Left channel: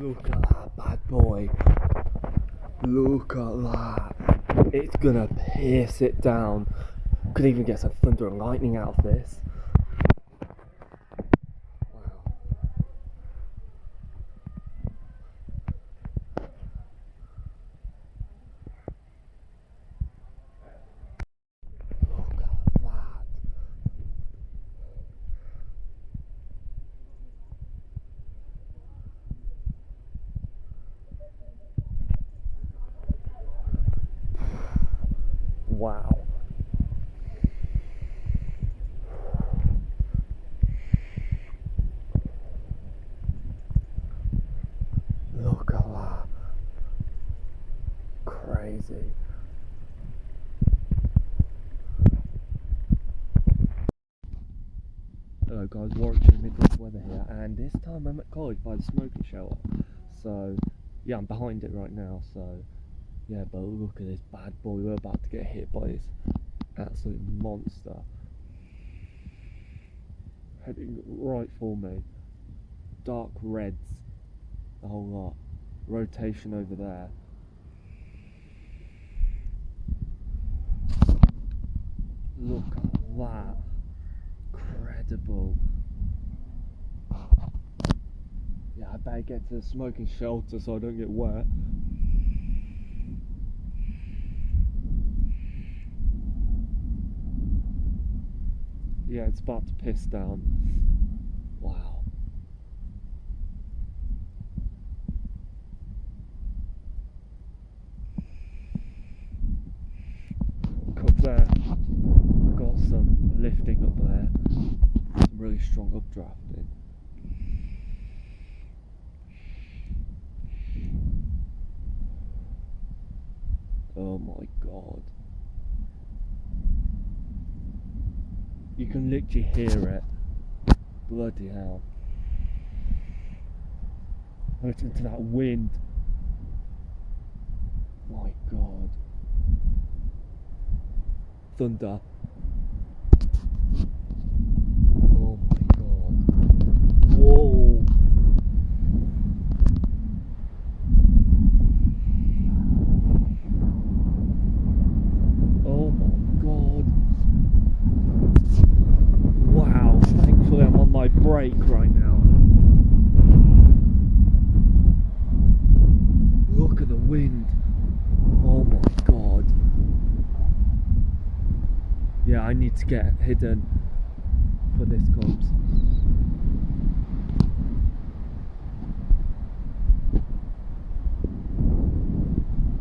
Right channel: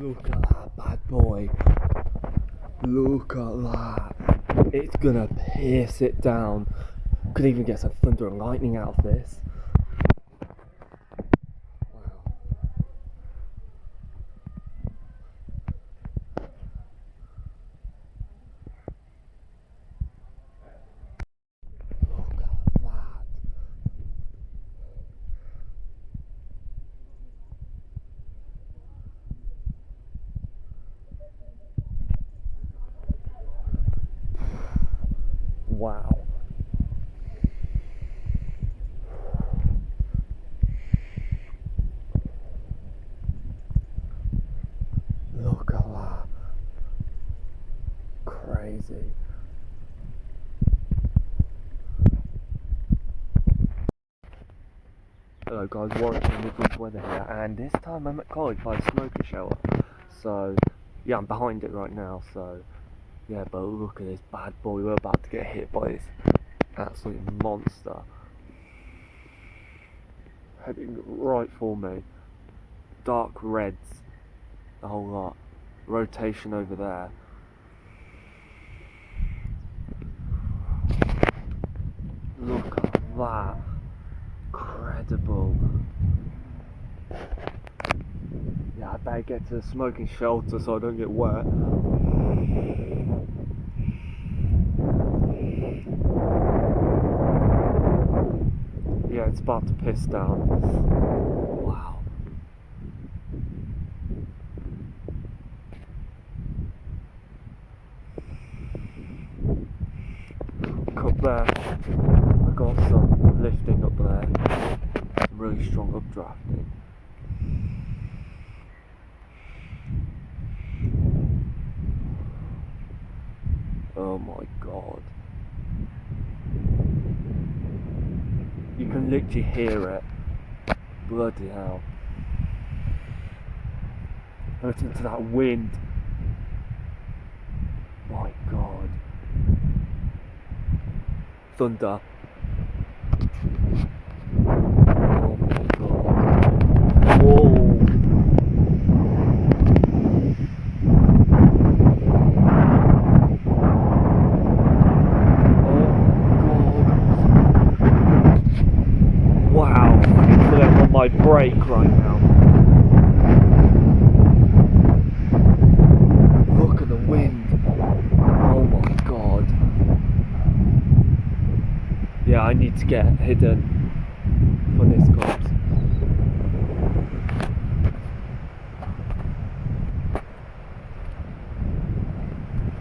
Look at that bad boy. Look at that. It's gonna pierce it down. Could even get some thunder and lightning out of this. Wow. Look at that. Wow. Look at that. Crazy. Hello guys, WarwickshireMidlandsWeather here, and this time I'm at college by the smoker shelter. So, yeah, I'm behind it right now, so, yeah, but look at this bad boy. We're about to get hit by this absolute monster. Heading right for me. Dark reds, the whole lot. Rotation over there. Look at that. Incredible. Yeah, I better get to the smoking shelter so I don't get wet. Yeah, it's about to piss down. Wow. Look up there. I got some lifting up there. Some really strong updrafting. Oh my god. You can literally hear it. Bloody hell. Listen to that wind. My god. Thunder. Oh my god. Whoa. Wow, thankfully I'm on my break right now. Look at the wind. Oh my god. Yeah, I need to get hidden for this comes.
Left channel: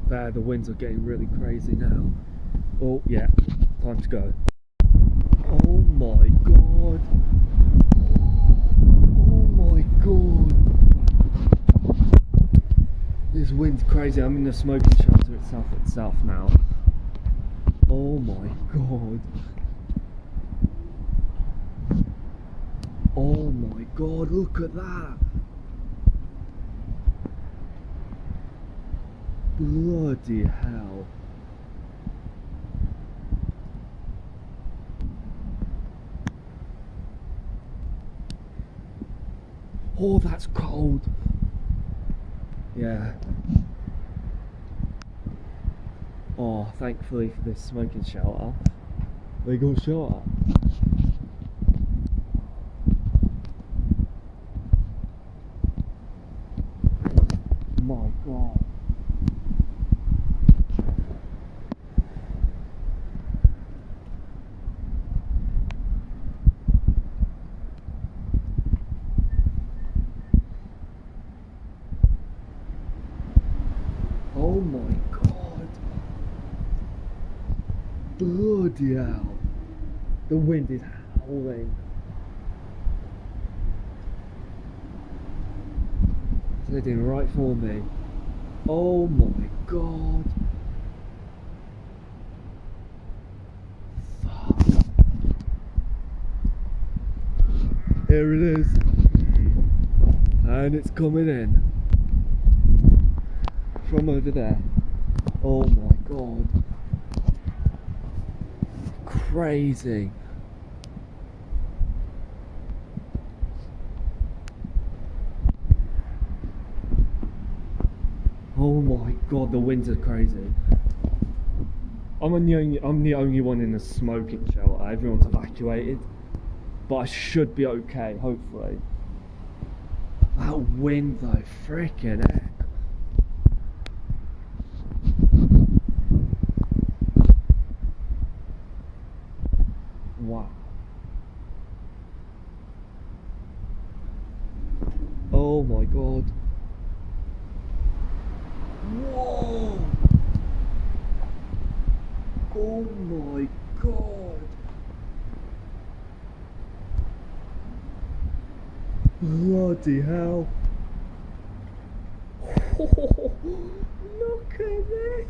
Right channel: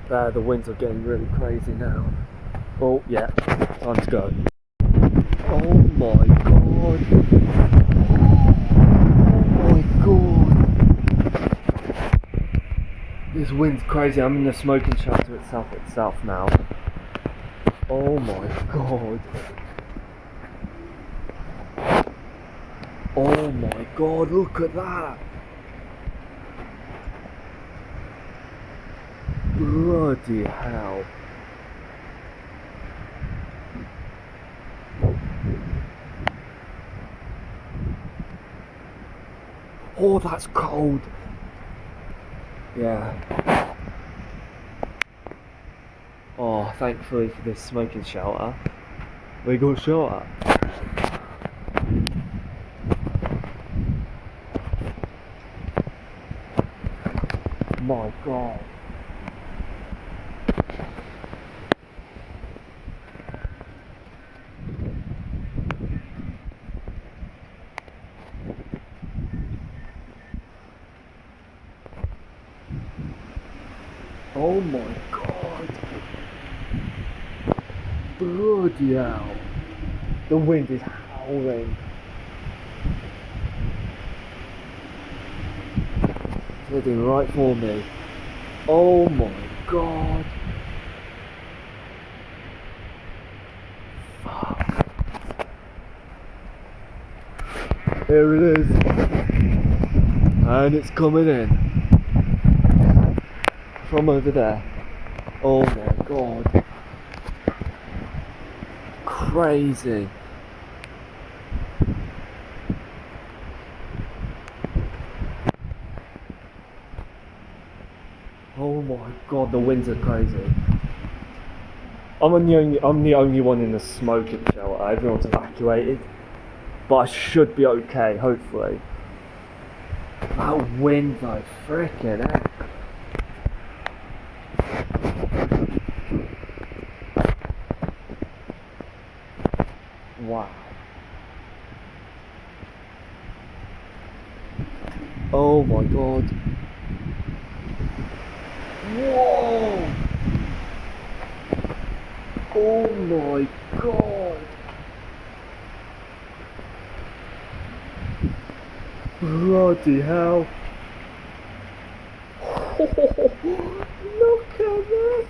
There, the winds are getting really crazy now. Oh yeah, time to go. Oh my god. Oh my god. This wind's crazy. I'm in the smoking shelter itself now. Oh my god. Oh my god, look at that. Bloody hell. Oh, that's cold. Yeah. Oh, thankfully for this smoking shelter, we got shelter. My god. Oh my god. Bloody hell. The wind is howling. It's heading right for me. Oh my god. Fuck. Here it is. And it's coming in. From over there. Oh my god. Crazy. Oh my god, the winds are crazy. I'm the only one in the smoking shelter. Everyone's evacuated, but I should be okay, hopefully. That wind though, freaking heck. Wow. Oh my god. Whoa! Oh my god! Bloody hell! Look at this!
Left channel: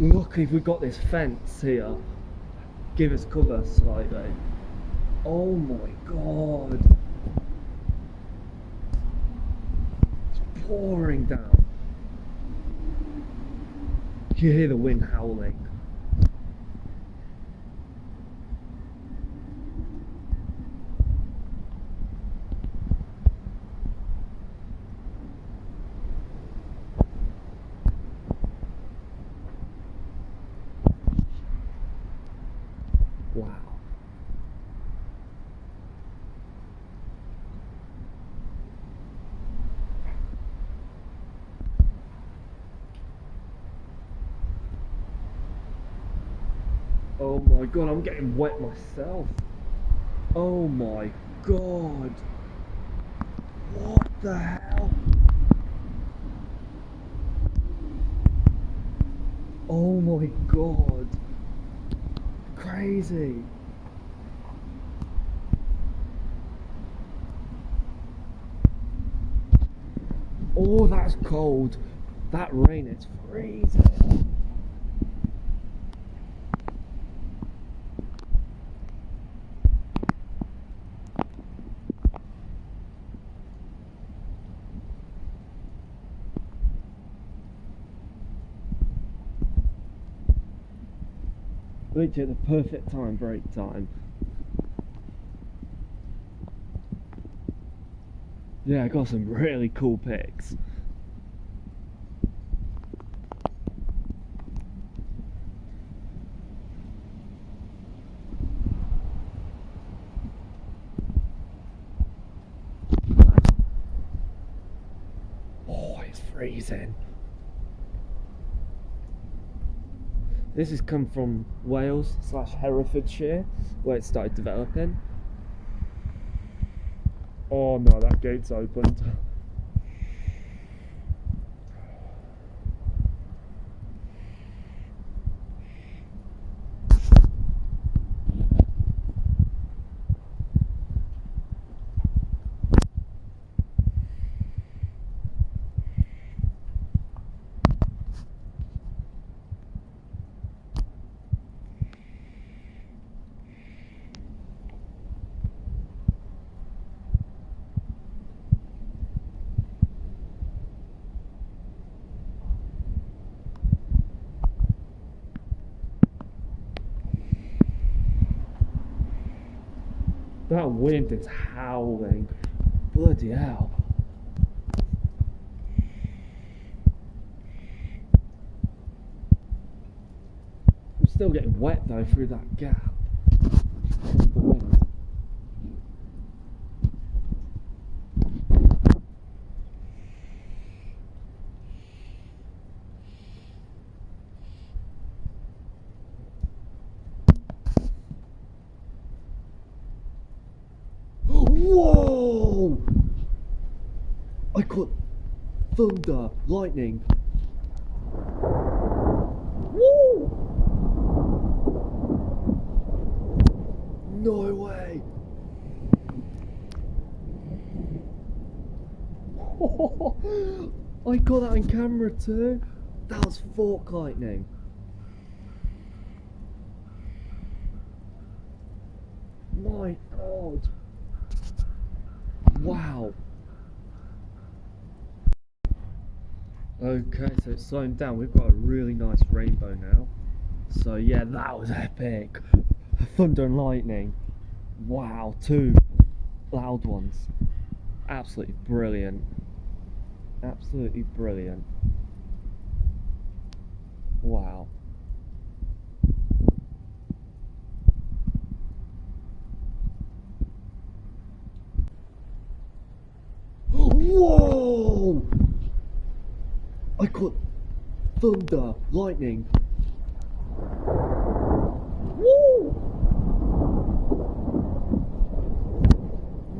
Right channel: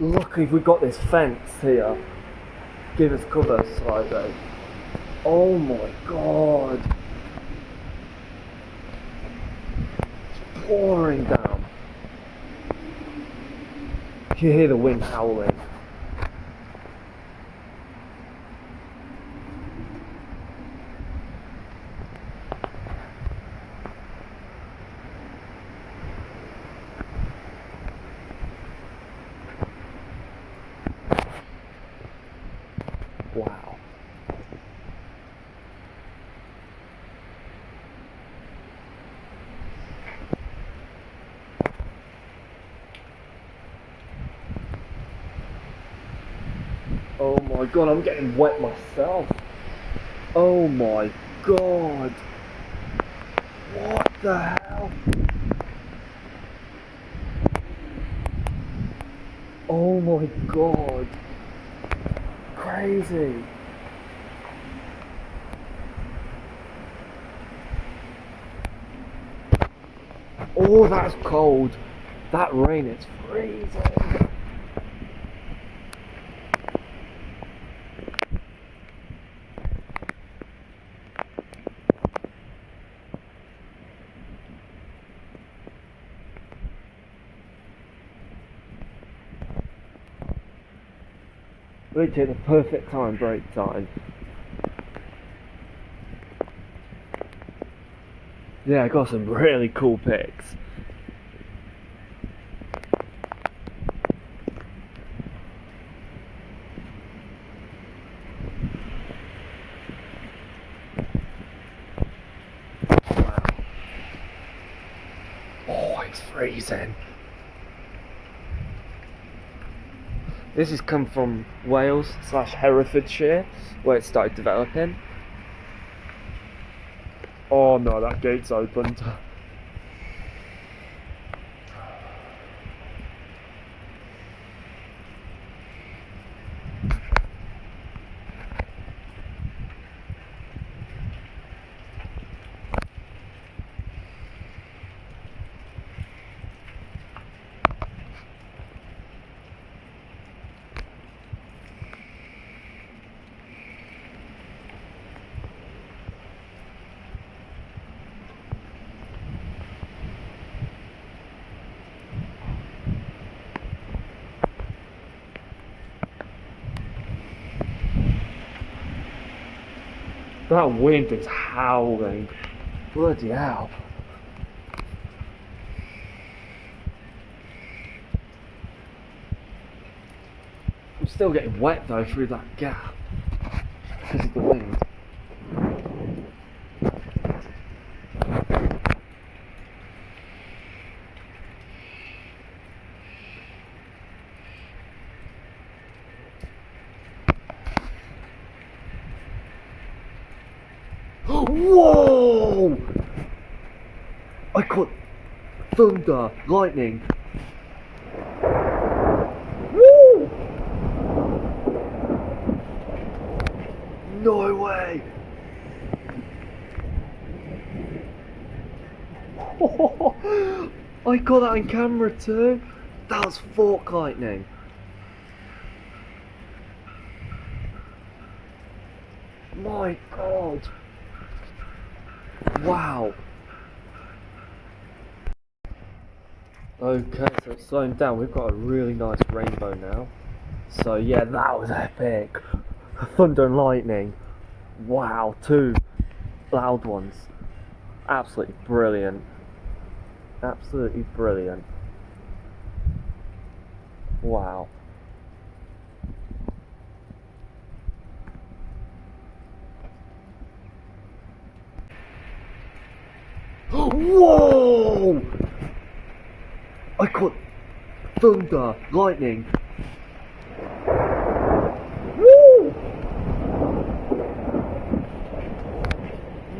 Luckily we got this fence here. Give us cover slightly. Oh my god! It's pouring down. You hear the wind howling. Wow. Oh my god, I'm getting wet myself. Oh my god. What the hell? Oh my god. Crazy. Oh, that's cold. That rain is freezing. Literally the perfect time, break time. Yeah, I got some really cool pics. Wow. Oh, it's freezing. This has come from Wales / Herefordshire, where it started developing. Oh no, that gate's opened. That wind is howling. Bloody hell. I'm still getting wet though through that gap because of the wind. Whoa! I caught thunder, lightning. Woo! No way! I got that on camera too. That was fork lightning. My god. Wow. Okay, so it's slowing down. We've got a really nice rainbow now. So yeah, that was epic. Thunder and lightning. Wow, two loud ones. Absolutely brilliant. Absolutely brilliant. Wow. Whoa! I caught thunder, lightning. Woo!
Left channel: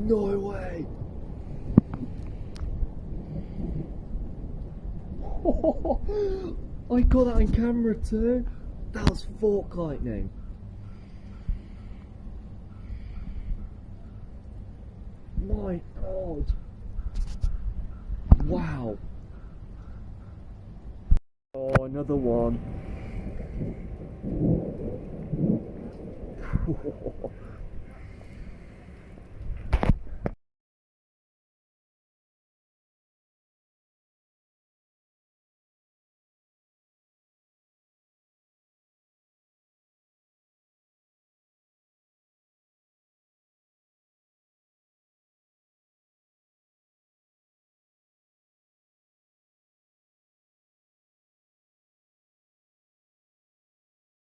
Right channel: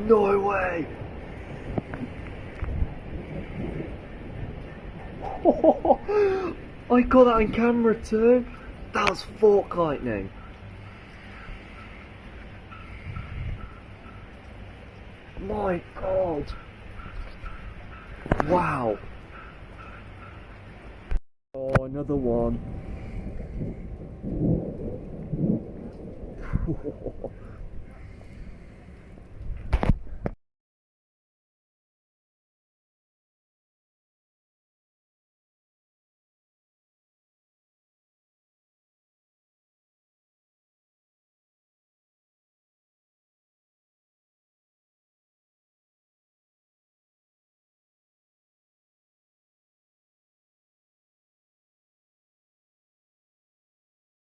No way! I got that on camera too. That was fork lightning. My God. Wow. Oh, another one.